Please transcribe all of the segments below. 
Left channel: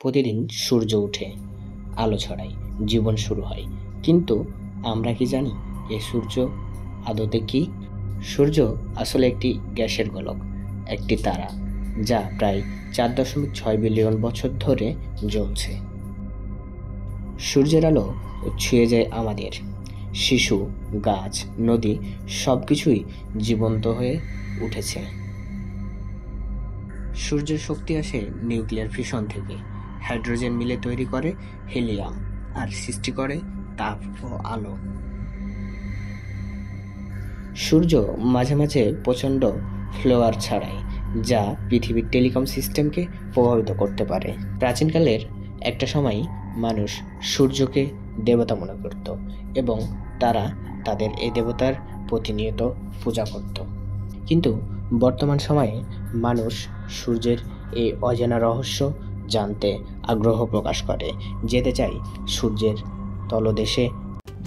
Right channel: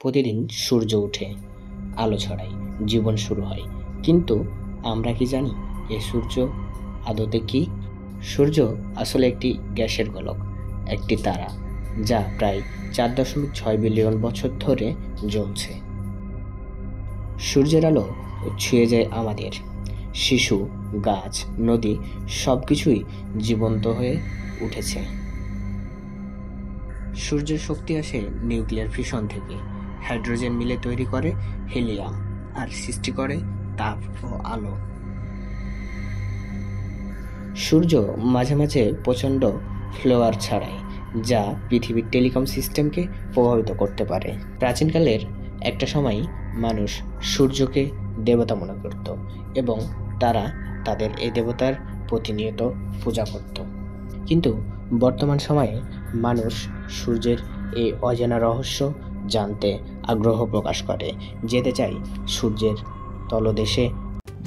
প্রতিদিন সূর্য ওঠে, আলো ছড়ায়, জীবন শুরু হয়। কিন্তু আমরা কি জানি এই সূর্য আদতে কি? সূর্য আসলে একটি গ্যাসের গোলক, একটি তারা যা প্রায় 4.6 বিলিয়ন বছর ধরে জ্বলছে। সূর্যের আলো ছুঁয়ে যায় আমাদের, শিশু, গাছ, নদী সবকিছুই জীবন্ত হয়ে উঠেছে। সূর্যের শক্তি আসে নিউক্লিয়ার ফিশন থেকে। হাইড্রোজেন মিলে তৈরি করে হিলিয়াম আর সৃষ্টি করে তাপ ও আলো। সূর্য মাঝে মাঝে প্রচণ্ড ফ্লোয়ার ছাড়ায়, যা পৃথিবীর টেলিকম সিস্টেমকে প্রভাবিত করতে পারে। প্রাচীনকালের একটা সময় মানুষ সূর্যকে দেবতা মনে করত এবং তারা তাদের এই দেবতার প্রতিনিয়ত পূজা করত। কিন্তু বর্তমান সময়ে মানুষ সূর্যের এই অজানা রহস্য জানতে আগ্রহ প্রকাশ করে, যেতে চাই সূর্যের তলদেশে।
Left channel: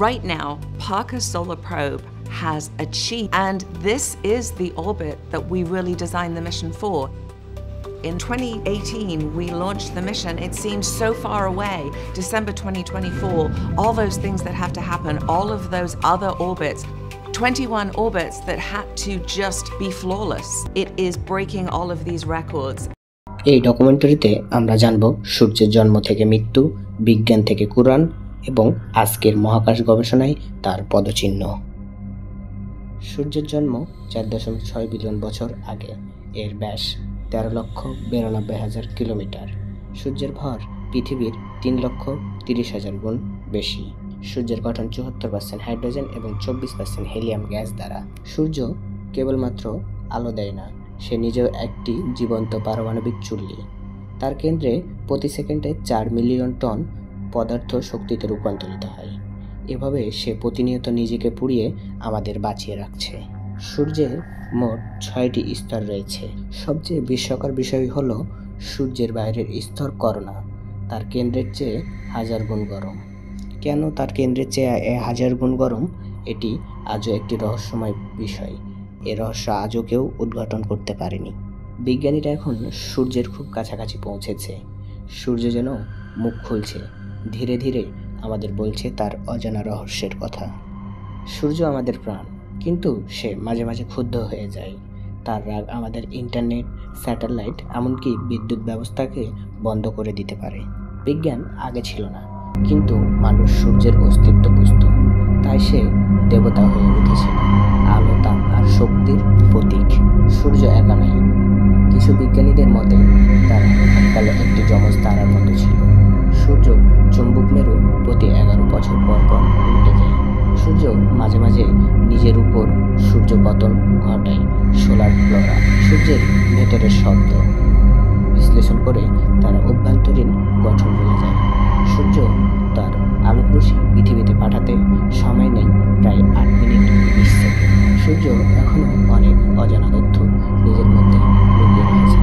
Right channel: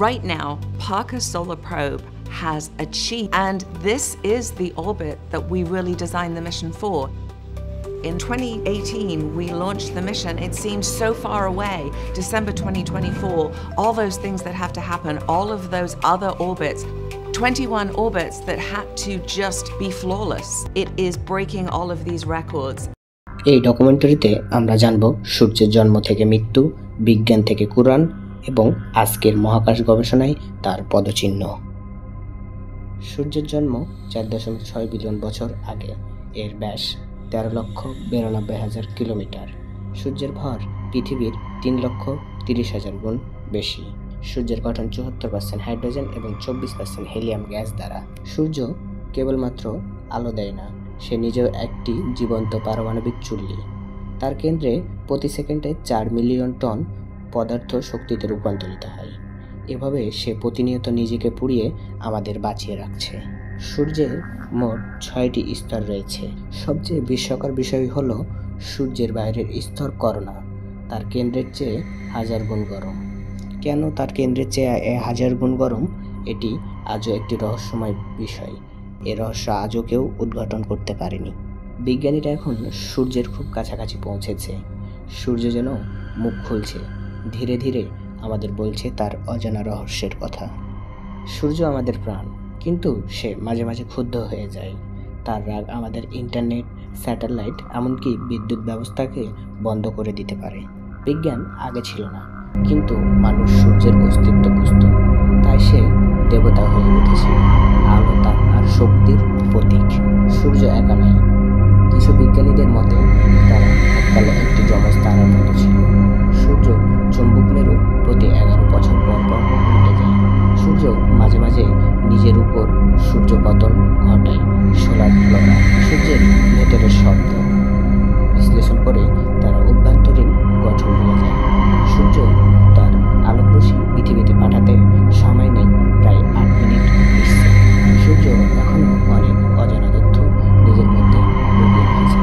Right now, Parker Solar Probe has achieved, and this is the orbit that we really designed the mission for. In 2018, we launched the mission. It seems so far away. December 2024, all those things that have to happen, all of those other orbits, 21 orbits that had to just be flawless. It is breaking all of these records. এই ডকুমেন্টারিতে আমরা জানব সূর্যের জন্ম থেকে মৃত্যু, বিজ্ঞান থেকে কুরআন এবং আজকের মহাকাশ গবেষণায় তার পদচিহ্ন। সূর্যের জন্ম 4.6 বিলিয়ন বছর আগে। এর ব্যাস 13,92,000 কিলোমিটার। সূর্যের ভর পৃথিবীর 3,30,000 গুণ বেশি। সূর্যের গঠন 74% হাইড্রোজেন এবং 24% হিলিয়াম গ্যাস দ্বারা। সূর্য কেবলমাত্র আলো দেয় না, সে নিজেও একটি জীবন্ত পারমাণবিক চুল্লি। তার কেন্দ্রে প্রতি সেকেন্ডে 4 মিলিয়ন টন পদার্থ শক্তিতে রূপান্তরিত হয়। এভাবে সে প্রতিনিয়ত নিজেকে পুড়িয়ে আমাদের বাঁচিয়ে রাখছে। সূর্যের মোট 6টি স্তর রয়েছে। সবচেয়ে বিস্ময়কর বিষয় হলো সূর্যের বাইরের স্তর করোনা, তার কেন্দ্রের চেয়ে 1000 গুণ গরম। কেন তার কেন্দ্রের চেয়ে 1000 গুণ গরম? এটি আজও একটি রহস্যময় বিষয়। এ রহস্য আজও কেউ উদ্ঘাটন করতে পারেনি। বিজ্ঞানীরা এখন সূর্যের খুব কাছাকাছি পৌঁছেছে। সূর্য যেন মুখ খুলছে, ধীরে ধীরে আমাদের বলছে তার অজানা রহস্যের কথা। সূর্য আমাদের প্রাণ, কিন্তু সে মাঝে মাঝে ক্ষুব্ধ হয়ে যায়। তার রাগ আমাদের ইন্টারনেট, স্যাটেলাইট, এমনকি বিদ্যুৎ ব্যবস্থাকে বন্ধ করে দিতে পারে। বিজ্ঞান আগে ছিল না, কিন্তু মানুষ সূর্যের অস্তিত্ব বুঝত, তাই সে দেবতা হয়ে উঠেছিল, আলো, তাপ আর শক্তির প্রতীক। সূর্য একা নয়। কিছু বিজ্ঞানীদের মতে তারা এককালে একটি যমজ তারার মতো ছিল। সূর্য চুম্বক মেরু প্রতি 11 বছর পর পর উল্টে যায়। সূর্য মাঝে মাঝে নিজের উপর সূর্যপতন ঘটায়। সোলার ফ্লোরা সূর্যের ভেতরের শব্দ বিশ্লেষণ করে তারা অভ্যন্তরীণ গঠন বোঝা যায়। সূর্য তার আলোকরশ্মি পৃথিবীতে পাঠাতে সময় নেই প্রায় 8 মিনিট 20 সেকেন্ড। সূর্য এখনও অনেক অজানা তথ্য নিজের মধ্যে লুকিয়ে রেখেছে।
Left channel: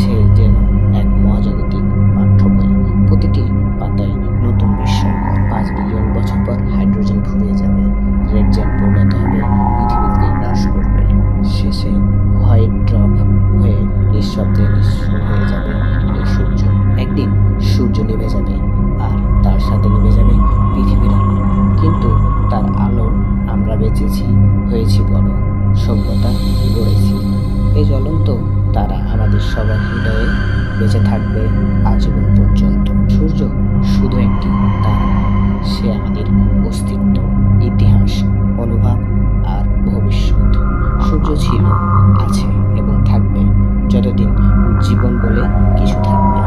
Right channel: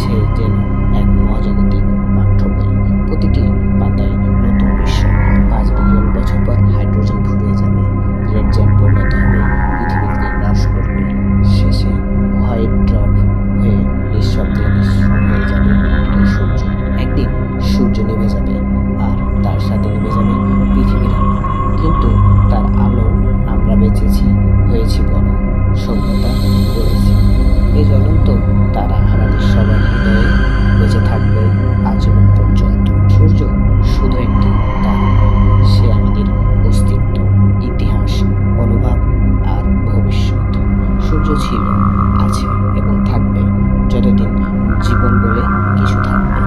সে যেন এক মহাজাগতিক পাঠ্য বই, প্রতিটি পাতায় নতুন বিস্ময়। 5 বিলিয়ন বছর পর হাইড্রোজেন ফুরিয়ে যাবে, রেড জেন্ট পরিণত হবে, পৃথিবীতে হ্রাস করবে, শেষে হোয়াইট ড্রপ হয়ে নিঃশব্দে নিঃস্ব হয়ে যাবে এই সূর্য। একদিন সূর্য নিভে যাবে, আর তার সাথে নিভে যাবে পৃথিবীর আলো। কিন্তু তার আলো আমরা বেঁচেছি, হয়েছি বড়, সভ্যতা গড়েছি। এই জ্বলন্ত তারা আমাদের সবার হৃদয়ে বেঁচে থাকবে আজীবন পর্যন্ত। সূর্য শুধু একটি তারা নয়, সে আমাদের অস্তিত্ব, ইতিহাস, অনুভব আর ভবিষ্যৎ। সূর্য ছিল, আছে এবং থাকবে যতদিন জীবন বলে কিছু থাকবে।